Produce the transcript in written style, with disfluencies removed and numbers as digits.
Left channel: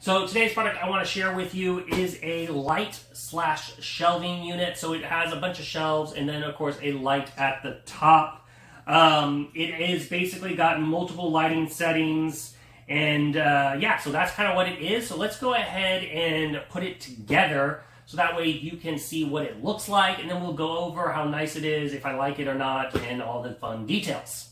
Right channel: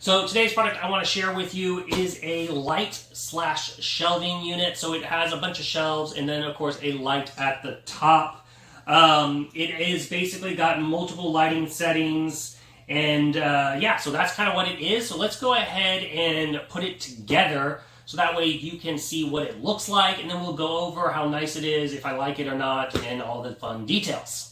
So today's product I want to share with you is a light/shelving unit. So it has a bunch of shelves and then of course a light at the top. It is basically got multiple lighting settings and yeah, so that's kind of what it is. So let's go ahead and put it together so that way you can see what it looks like, and then we'll go over how nice it is, if I like it or not, and all the fun details.